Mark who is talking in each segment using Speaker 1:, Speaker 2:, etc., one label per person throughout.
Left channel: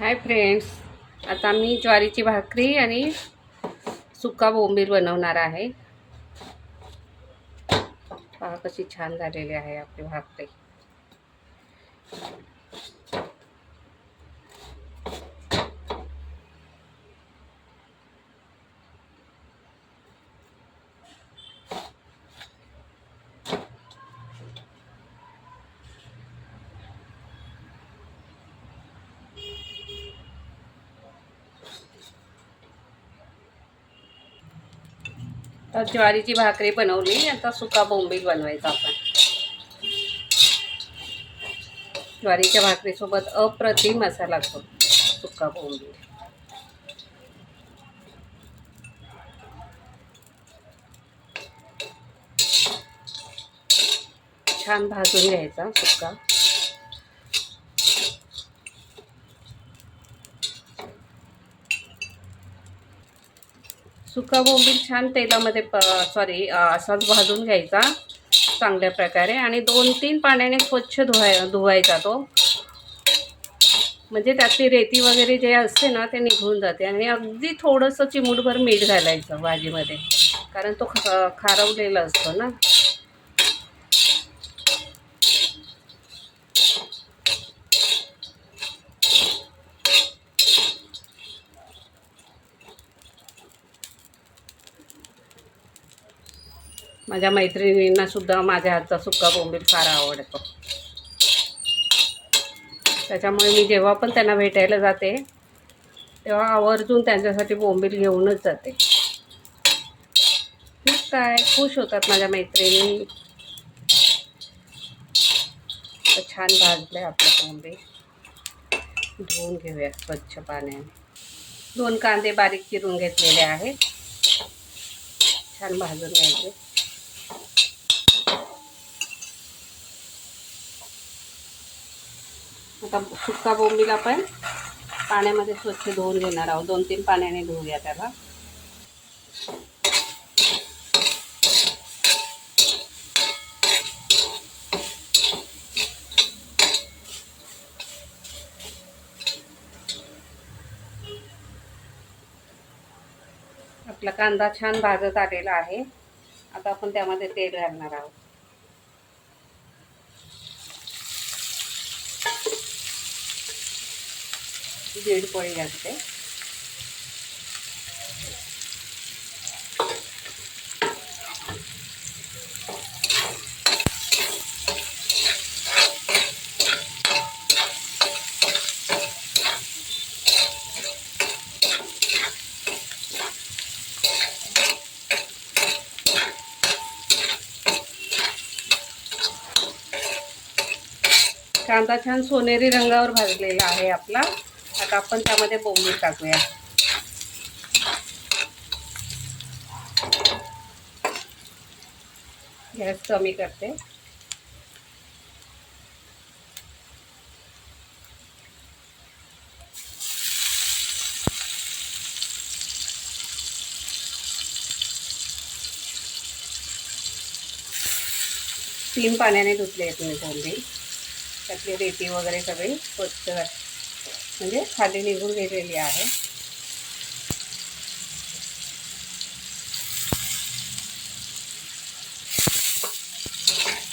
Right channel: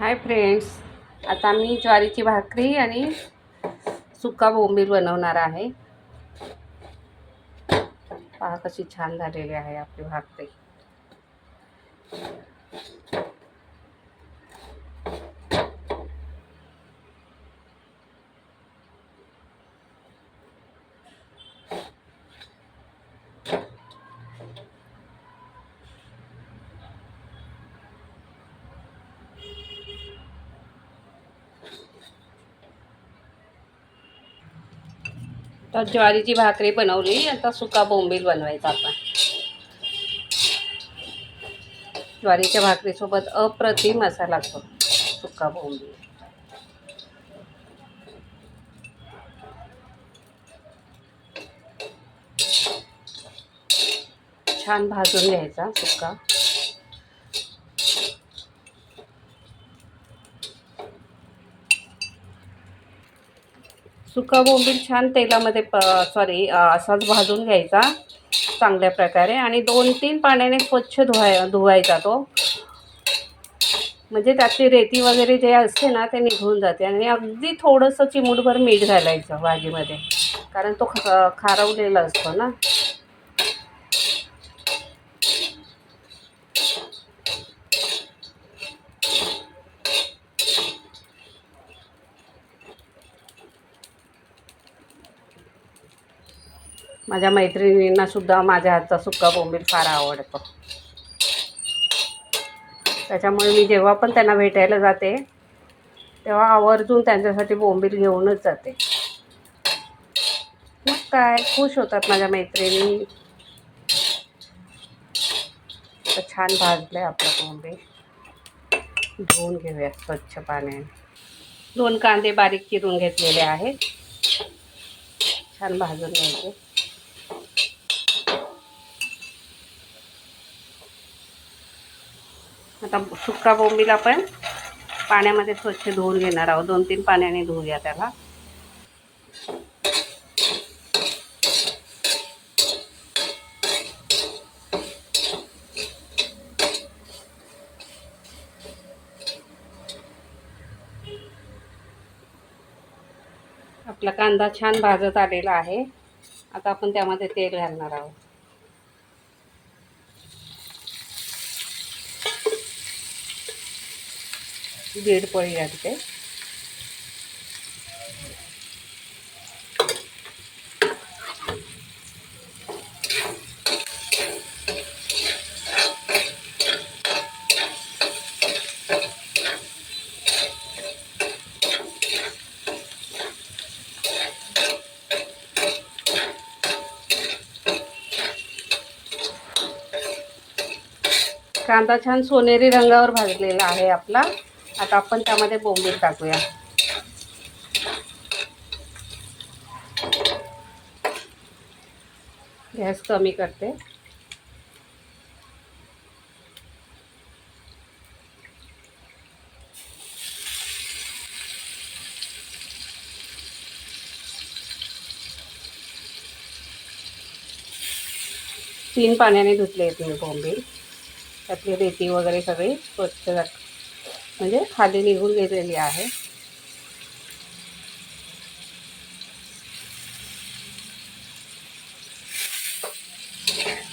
Speaker 1: Hi friends आता मी ज्वारीची भाकरी आणि सुका बोंबील बनवणार आहे. पहा कशी छान झालेली आहे आपली भाकरी. तर ज्वारीची भाकरी बनवली आता सुका बोंबील बनवायचा आपण. ज्वारीच्या भाकरीसोबत अप्रतिम असा लागतो सुका बोंबील. छान भाजून घ्यायचा सुका. सुका बोंबील छान तेलामध्ये प सॉरी असाच भाजून घ्यायचा चांगल्या प्रकारे आणि दोन तीन पाण्याने स्वच्छ धुवाय धुवायचा तो. म्हणजे त्यातली रेती वगैरे जे असते ना ते निघून जाते आणि अगदी थोडंसं चिमूटभर मीठ घालायचं भाजीमध्ये. कारण तो ख खारवलेला असतो ना. माझ्या मैत्रिणींनासुद्धा माझ्या हातचा सुका बोंबील फार आवडतो. त्याच्यामुळे मी जेव्हा पण त्यांना भेटायला जाते तेव्हा आवर्जून त्यांच्यासाठी बोंबील घेऊनच जाते. मग काय खुश होतात माझ्या मैत्रिणी. छान भाजलं आहे आपलं बोंबील. धुवून घेऊया स्वच्छ पाण्याने. दोन कांदे बारीक चिरून घेतलेले आहेत. छान भाजून घ्यायचे. आता सुक्का बोंबील आपण पाण्यामध्ये स्वच्छ धुवून घेणार आहोत. दोन तीन पाण्याने धुवूया त्याला. आपला कांदा छान भाजत आलेला आहे. आता आपण त्यामध्ये तेल घालणार आहोत. दीड पोळी लागते कांदा छान सोनेरी रंगावर भाजलेला आहे आपला. आता आपण त्यामध्ये बोंबील टाकूया. गॅस कमी करते. तीन पाण्याने धुतले आहेत मी बोंबील. त्यातली रेती वगैरे सगळी स्वच्छ म्हणजे खाली निघून गेलेली आहे.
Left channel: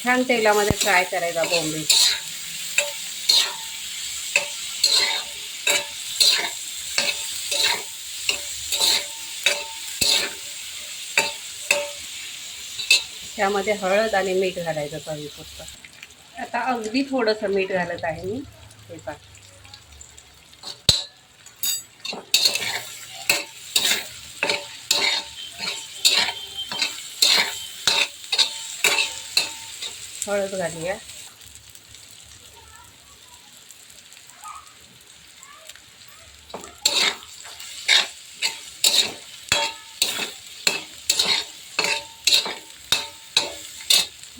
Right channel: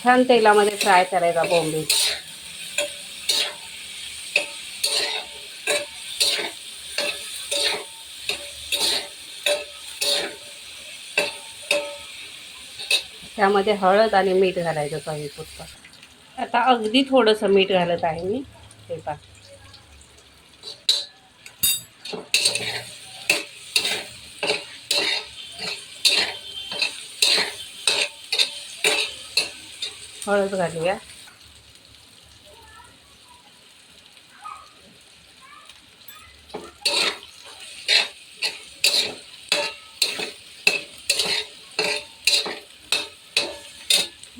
Speaker 1: छान तेलामध्ये फ्राय करायचा बॉम्बे त्यामध्ये हळद आणि मीठ घालायचं चवीपुरतं आता अगदी थोडंसं मीठ घालत आहे मी. ते पा हळद घालूया.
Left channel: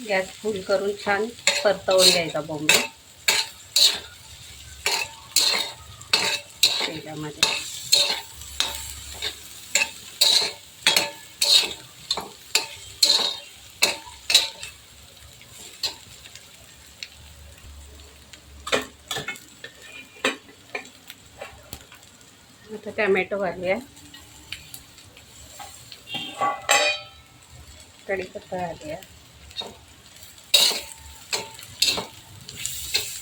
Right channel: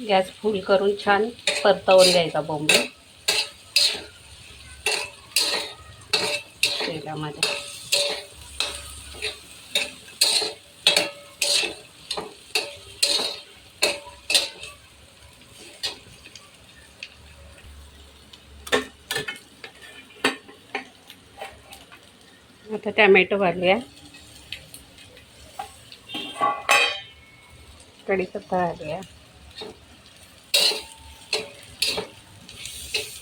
Speaker 1: गॅस फुल करून छान परतवून द्यायचा बोंबे तेलामध्ये. आता टॅमॅटो घालूया कढीपत्ता घालूया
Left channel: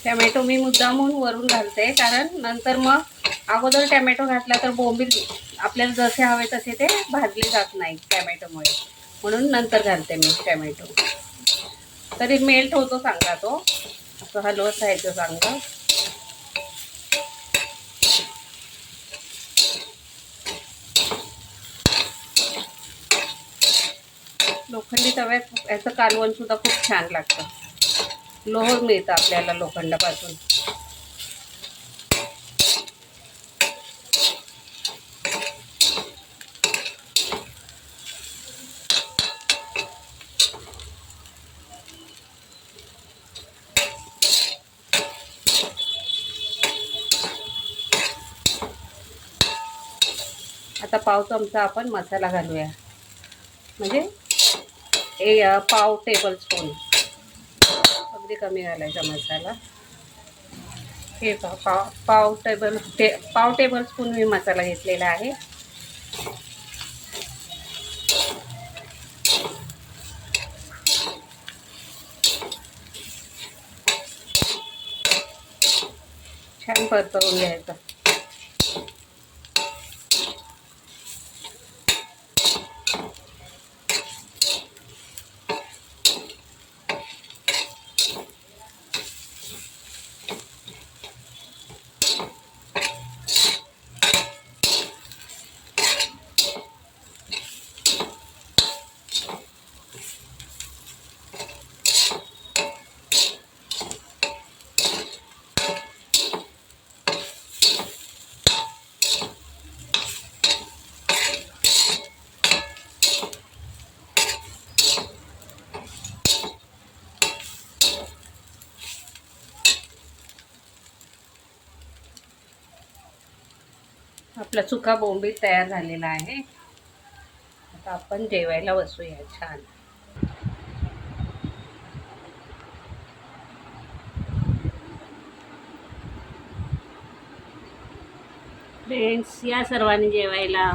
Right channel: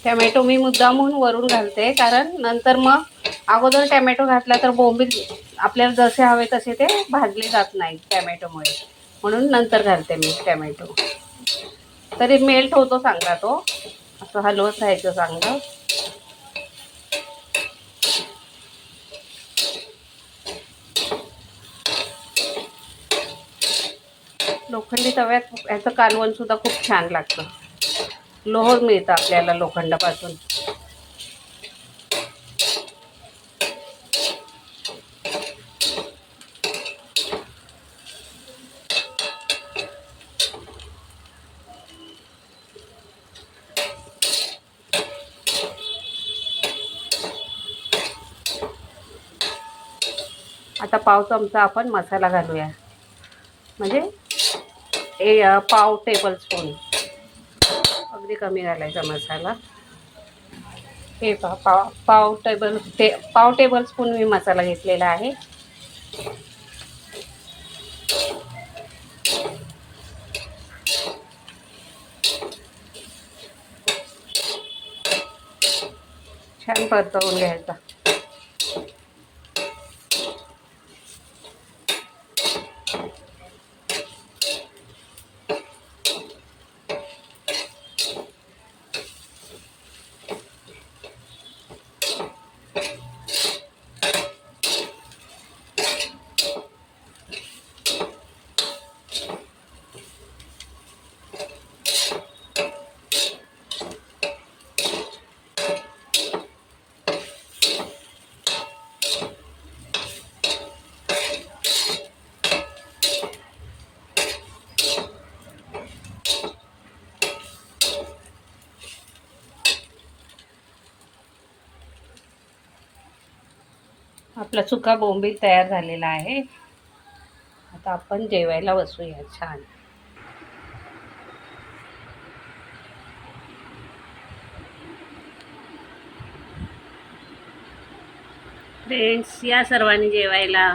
Speaker 1: टॅमॅटो मी मुद्दामून वरून घालते कारण नंतर मग अगोदर टॅमॅटो घातला तर बोंबील आपल्याला जसे हवे तसे ते भाजले जात नाही टॅमॅटोमुळे. म्हणून नंतर घालते मी टॅमॅटो. तरी मेल्ट होतो चांगला तो. असं हलवत राहायचं चांगलं. लोखंडी तव्यात याचं कालवण सुद्धा खूप छान लागतं. लोह मिळतं आपल्याला लोखंडापासून. आता पाव चमचा आपण मसाला घालूया. म्हणजे ए पाव टेबल स्पून अगदी कमी घालायचा मसाला. हे पहा पाव पाव टेबल टे पाव टेबल स्पून मी मसाला घेतलेला आहे. छान परतवून घ्यायचा. आपला सुका बोंबील तयार झालेला आहे. आता आपण जेवायला बसूया छान. फ्रेंड्स या सर्वांनी जेवायला.